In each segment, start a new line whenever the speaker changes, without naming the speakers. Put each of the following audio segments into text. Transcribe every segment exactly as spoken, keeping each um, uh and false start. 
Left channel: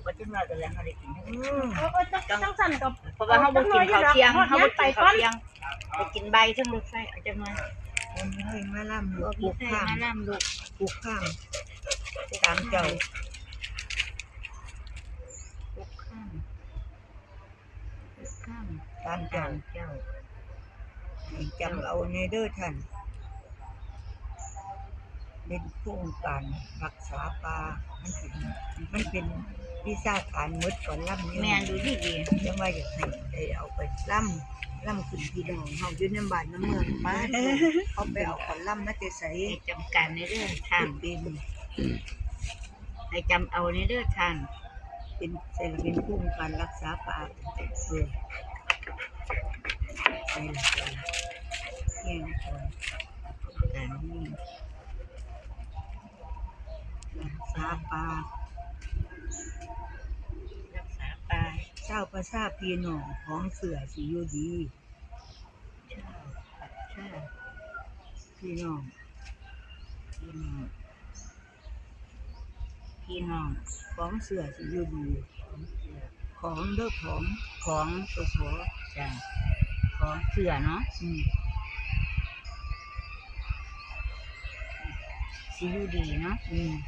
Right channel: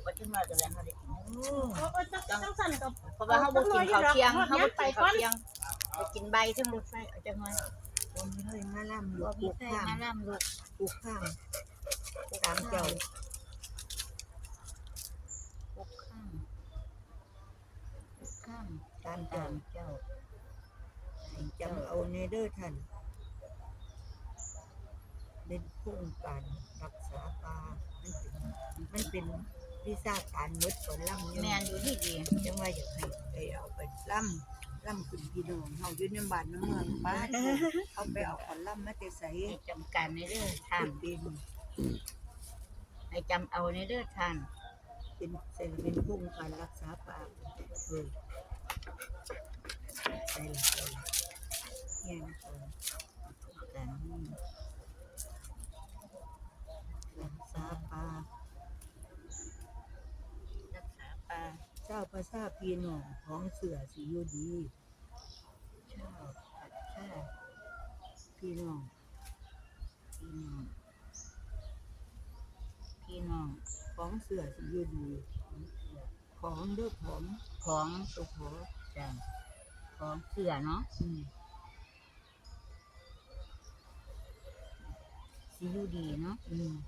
ก็จะมากันแล้วอะไรกิน
จังสั่นกับ
เพราะว่าเขาบ่กินข้าวเที่ยงเขาบ่กินข้าวเที่ยงไปกินใบทั้งรถไฟเอาจังเลย
มันเฮ้ยมาล่ำลูกป
ลู
ลู
ก
ก
ข้า
ข้าม
มาน้ำลูก
ปลูกข้ามตามเจ้า
ลูกข้ามลูกข้าม
ตามเจ้า
ตามเจ้า
ให้จำเอาในเด้อท่านเป็นโครงการรักษาป่ามันเป็นมันเป็นวิชาการหมดก่อนล่ำอยู่
แม่ดูดีดี
ยังว่าอยากให้ได้เอาไปล่ำล่ำขึ้นพี่น้องเฮาอยู่ในบ้านในเมืองบ้านเขาไปเอาขอนล่ำมาแต่ใส่
ให้จำการในเรื่องทาง
เป็น
ให้จำเอาในเรื่องทาง
เป็นใส่เป็นโครงการรักษาป่าเลยใส่เนี่ยนะคะ
การนี้
รักษาป่า
รักษาป่า
เจ้าประชาพี่น้องของเสือสิอยู่ดี
ชาปัดชา
พี่น้อง
พี่น้องพี่น้อง
ของเสือสิอยู่ดี
ของเสือ
ของเด้อของ
ของตัวขอจ้ะของเสือเนาะ
อืม
สิอยู่ดีเนาะ
อืม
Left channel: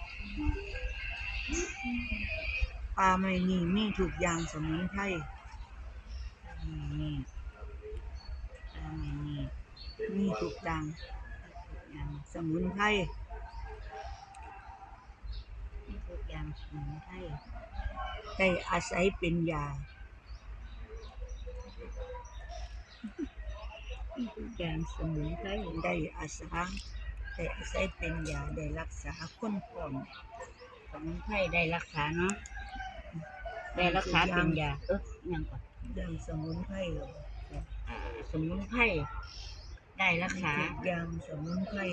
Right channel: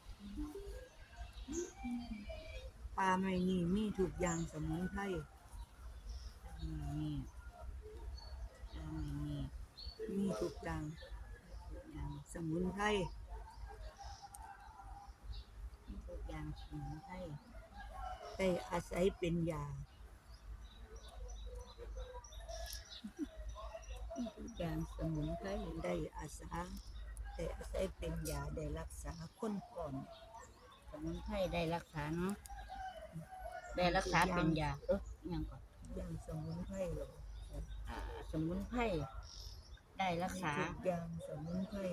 ปลาไม่นี่มีทุกอย่างสมุนไพร
นี่นี่อันนี้
มีทุกอย่าง
อย่าง
สมุนไพร
นี่ทุกอย่างสมุนไพร
ได้อาศัยเป็นยา
นี่ทุกอย่างสมุนไพร
ได้อาศัยได้อาศัยเป็นยาได้รักษาคนพร้อม
สมุนไพรได้รักษาเนาะได้รักษาเป็นยาเออยังก่อน
เรื่องสมุนไพร
สมุนไพรได้รักษา
ทุกอย่างสมุนไพร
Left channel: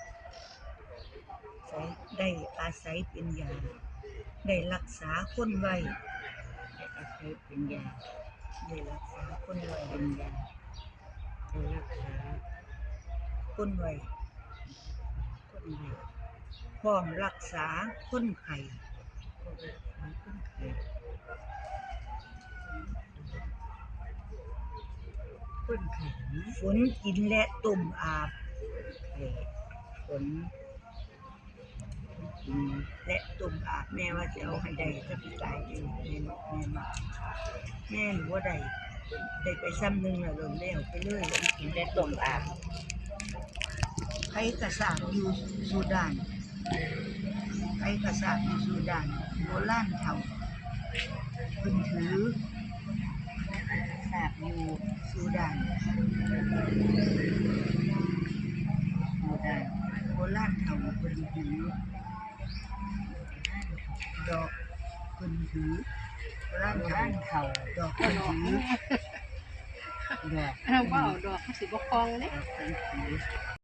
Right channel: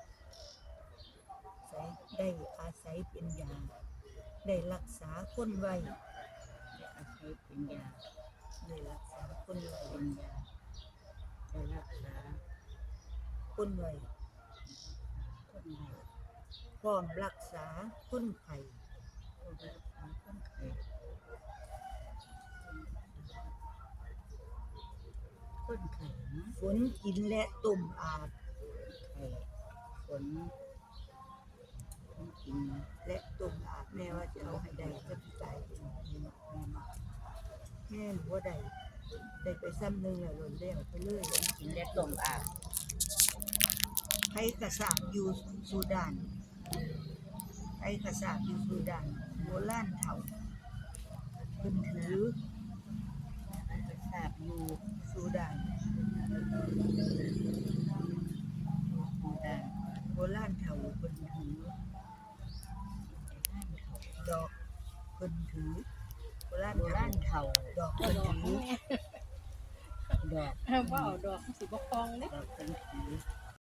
ใช้ได้อาศัยเป็นยาได้รักษาคนไว้
อาศัยเป็นยา
ได้รักษาคนไว้
เป็นยาได้รักษา
คนไว้
คนไข้
พร้อมรักษาคนไข้
คนไข้คนไข้นะ
ฝนกินและต้มอาบ
ไข้ฝนฝนกิน
และต้มอาบแม่ว่าจะเอาให้ได้จะไปตายอยู่แม่แม่มาแม่หนูว่าได้ได้ไปซ้ำหนึ่งแล้วโดนแล้วไปเลย
กินและต้มอาบ
ไอ้กระสานอยู่สุดานไอ้กระสานอยู่สุดานโบราณเถ่าเพิ่นถือ
ทราบอยู่
สุดาน
หมู่ได้
โบราณเถ่าเพิ่นถือดอกเพิ่นถือโบราณเถ่า
บ้านเขา
ดอกเพิ่นถือ
ดอก
เอาว่าเอาดอกสิบคองเนี่ย
ดอกเป็นสี